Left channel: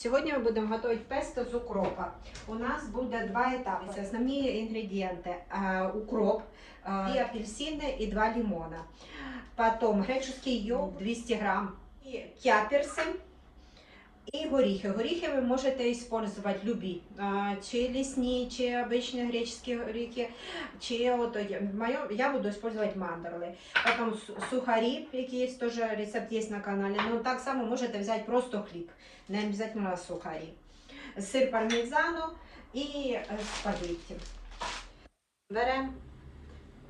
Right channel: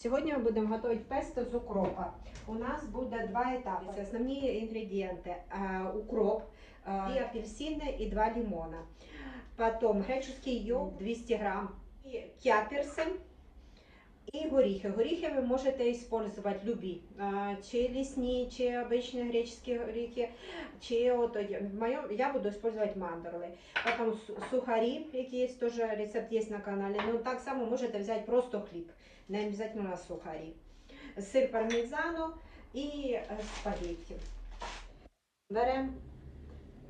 Сьогодні ми будемо готувати песто з укропа. У нас буде два етапи. Основні інгредієнти: укроп, 2 апельсини і 2 лимона. Потім греческий йогурт 200 грам, і кяперси і горіхи. Горіхи ви можете використовувати любі, чи лісні, чи обичні греческі горіхи, чи я буду використовувати мандорли. Потім сухарі, які є, теж рецепт є на каналі. Ну так само можете взяти просто хліб, не обов'язково сухарі. Сир пармезану і спагетті. Беремо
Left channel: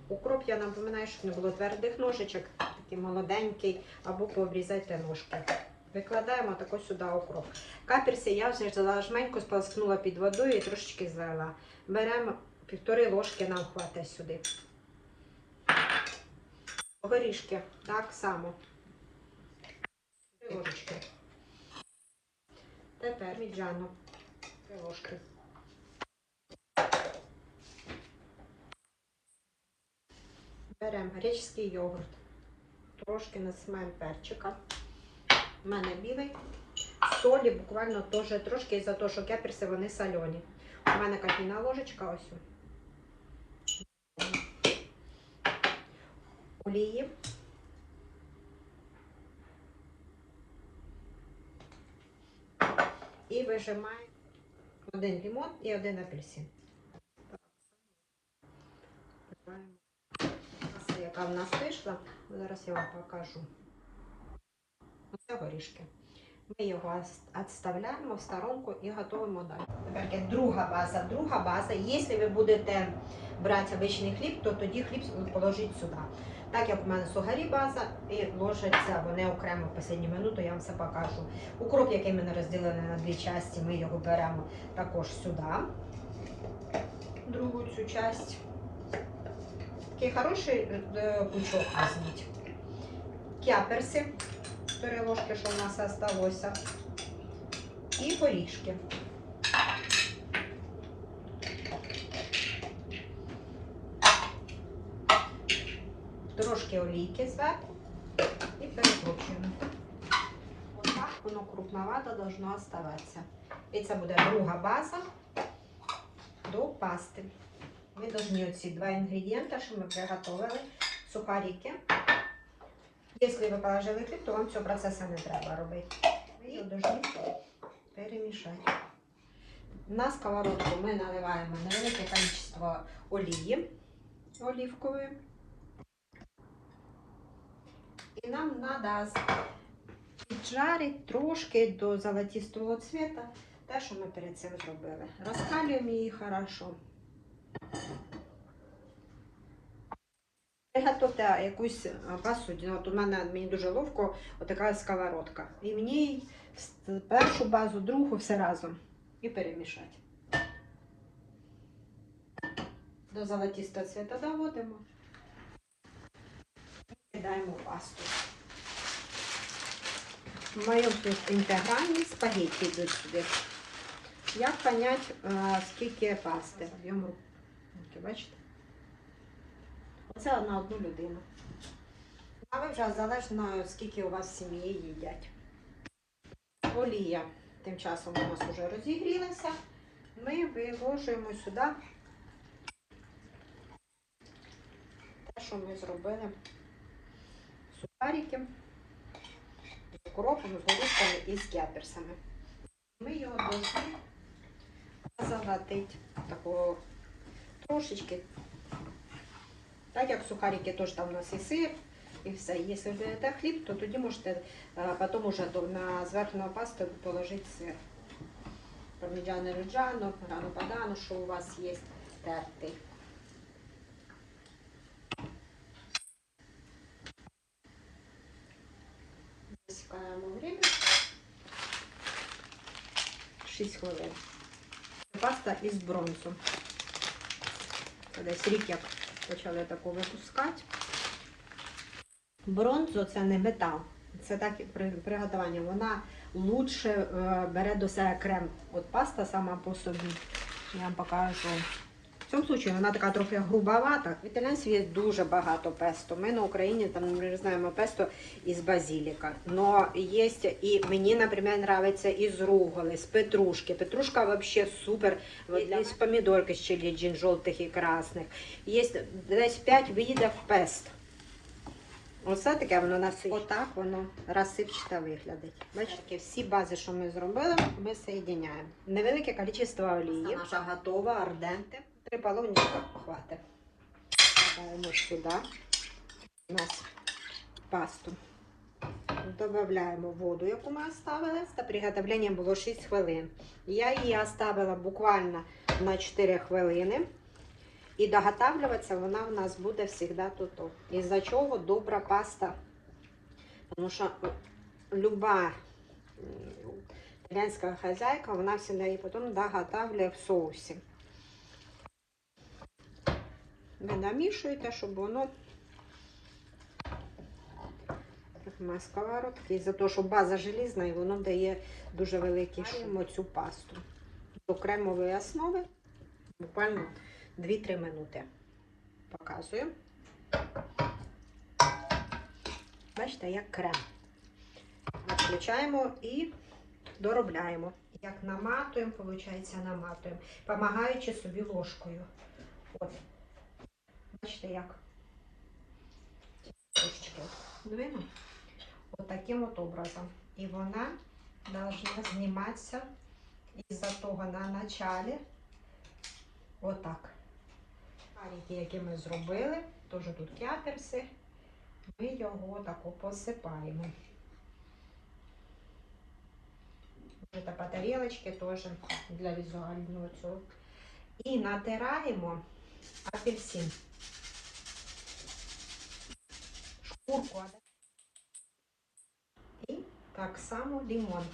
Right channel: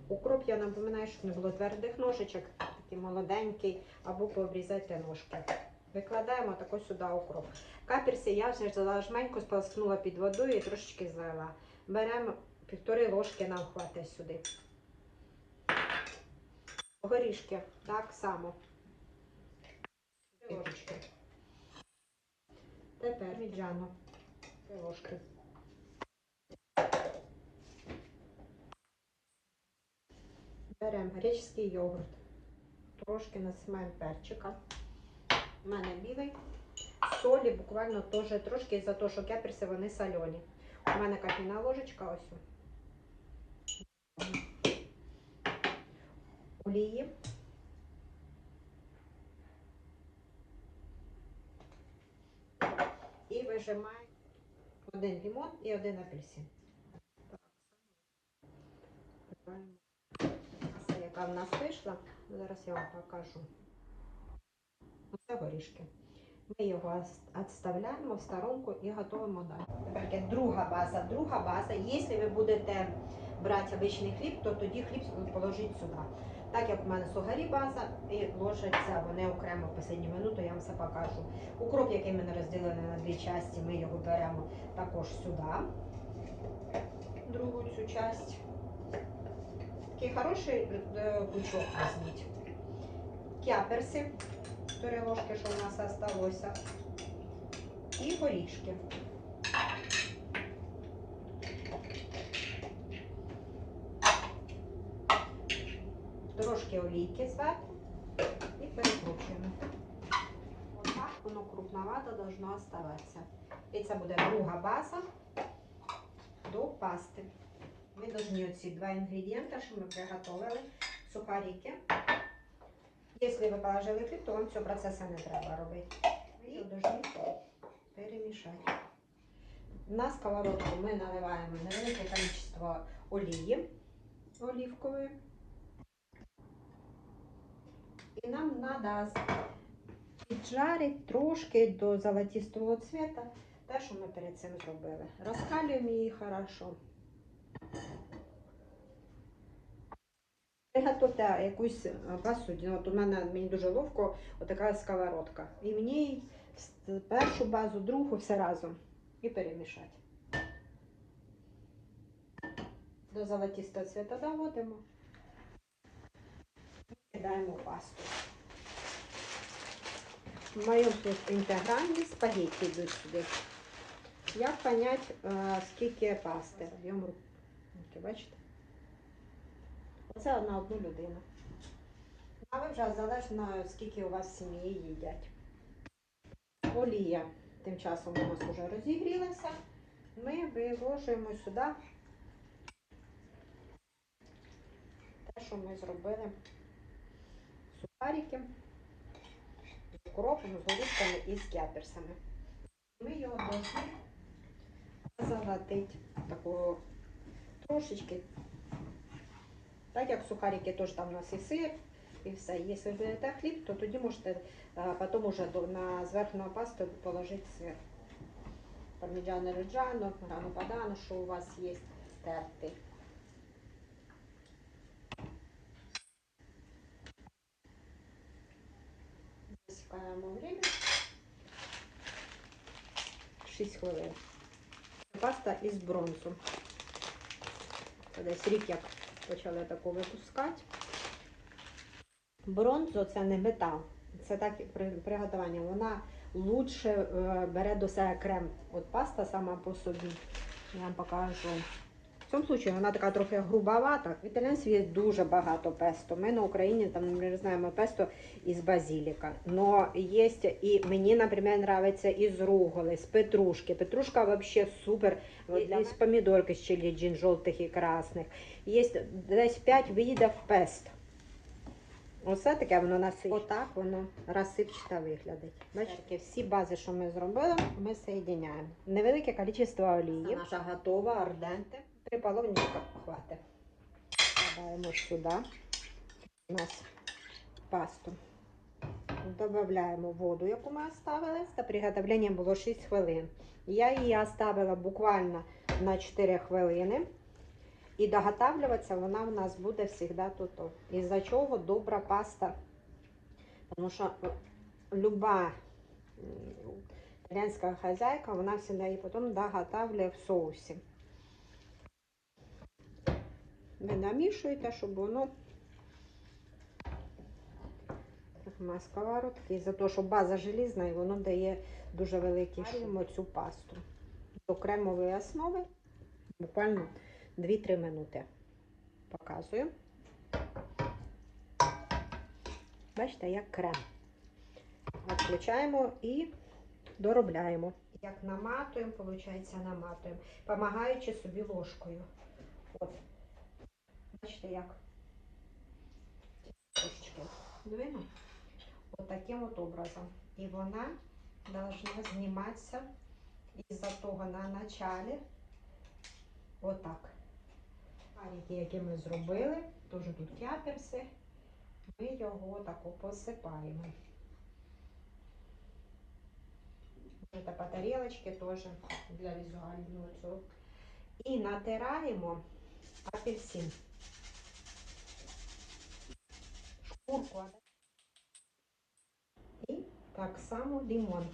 укроп, я напоминаю, щоб не було твердих ножичок, такий молоденький, або пообрізайте ножки. Викладаємо тако сюди укроп. Каперси я вже жменько сполоскнула під водою і трошечки злила. Беремо 1,5 ложки, нам хватить сюди. Горішки так само. Ложечки. Тепер міджану 3 ложки. Беремо греческий йогурт. Трошки насипаємо перчика. У мене білий. Солі буквально теж трошки, за те, що кеперси вони солені. У мене кофейна ложечка ось. Олії. І вижимаємо 1 лимон і 1 апельсин. Ось яка в нас вийшла. Зараз я вам покажу. Оце горішки. Ми його відставляємо в сторонку і готуємо далі. Тепер друга база. Друга база. Якщо ви будете брати звичайний хліб, то тоді хліб положіть сюди. Так як у мене сухарі база і ложиться вони окремо в останню минуту, я вам все покажу. Укроп, який ми розділили на 2 частини, ми його беремо також сюди. Другу цю частину. Такий хороший пучок візьміть. Кяперси. 4 ложки, що в нас залишилося. І горішки. Трошки олійки зверху і перекручуємо. Ось так воно крупновато должно оставатися. І це буде друга база до пасти. Ми повинні оці 2 інгредієнти, що ми приготували, сухарики. Якщо ви положили хліб, то вам цього процесу не треба робити. Ви його повинні перемішати. На сковородку ми наливаємо невелике кількість олії оливкової. І нам треба піджарити трошки до золотистого цвіту те, що ми перед цим зробили. Розкалюємо її хорошо. Приготуйте якусь посудину. От у мене мені дуже ловко отака сковородка. І мені першу базу, другу все разом. І перемішати. До золотистого цвіту доводимо. Кидаємо пасту. В моєму інтегральні спагетті йдуть сюди. Як понять, скільки пасти? Об'єм руки, бачите? Це на одну людину. А ви вже залежно, скільки у вас в сім'ї їдять. Олія тим часом у нас вже розігрілася. Ми виложуємо сюди те, що ми зробили. Сухарики з укропом, з горішками і з кяперсами. Ми його повинні залатити такого трошечки. Так як сухарики теж там у нас і сир, і все. Якщо ви берете хліб, то тоді можете потім уже на зверху пасту положити сир. Парміджано реджано, рано падано, що у вас є тертий. Засікаємо время. 6 хвилин. Паста із бронзу. Десь рік як почали таку випускати. Бронзу це не метал. Це так приготування. Вона лучше бере до себе крем. От паста сама по собі. Я вам покажу. В цьому випадку вона така трохи грубовата. В італійській є дуже багато песто. Ми на Україні там не знаємо песто із базиліка. Но є і мені, наприклад, подобається із руголи, з петрушки. Петрушка взагалі супер. З помідорки з чилі, жовтих і красних. Є десь 5 видів песто. Оце таке воно насичне. Отак воно розсипчато виглядить. Бачите, всі бази, що ми зробили, ми соєдиняємо. Невелике кількість олії. Наша готова, арденте. 3 половника хватить. Додаємо сюди у нас пасту. Додаємо воду, яку ми оставили. Це приготовлення було 6 хвилин. Я її оставила буквально на 4 хвилини. І доготавлюватися вона у нас буде завжди тут. Із-за чого добра паста. Тому що люба італійська хазяйка, вона завжди її потім доготавлює в соусі. Ви намішуєте, щоб воно на сковородці. Із-за того, що база желізна і воно дає дуже великий шум. Цю пасту до кремової основи буквально 2-3 минути. Показую. Бачите, як крем. Включаємо і доробляємо. Як наматуємо, виходить, наматуємо, допомагаючи собі ложкою. От. Бачите, як? Трошечки двину. От таким от образом. І вона повинна зніматися із-за того на началі. Отак. Шарики, які ми зробили, теж тут кяперси, ми його тако посипаємо. Це по тарілочці теж для візуального цього. І натираємо апельсин. Шкурку. І так само лимон.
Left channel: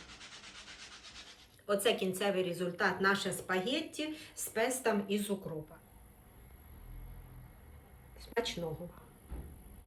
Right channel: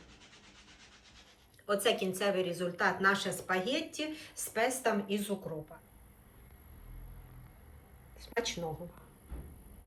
Оце кінцевий результат наше спагетті з пестом із укропа. Смачного!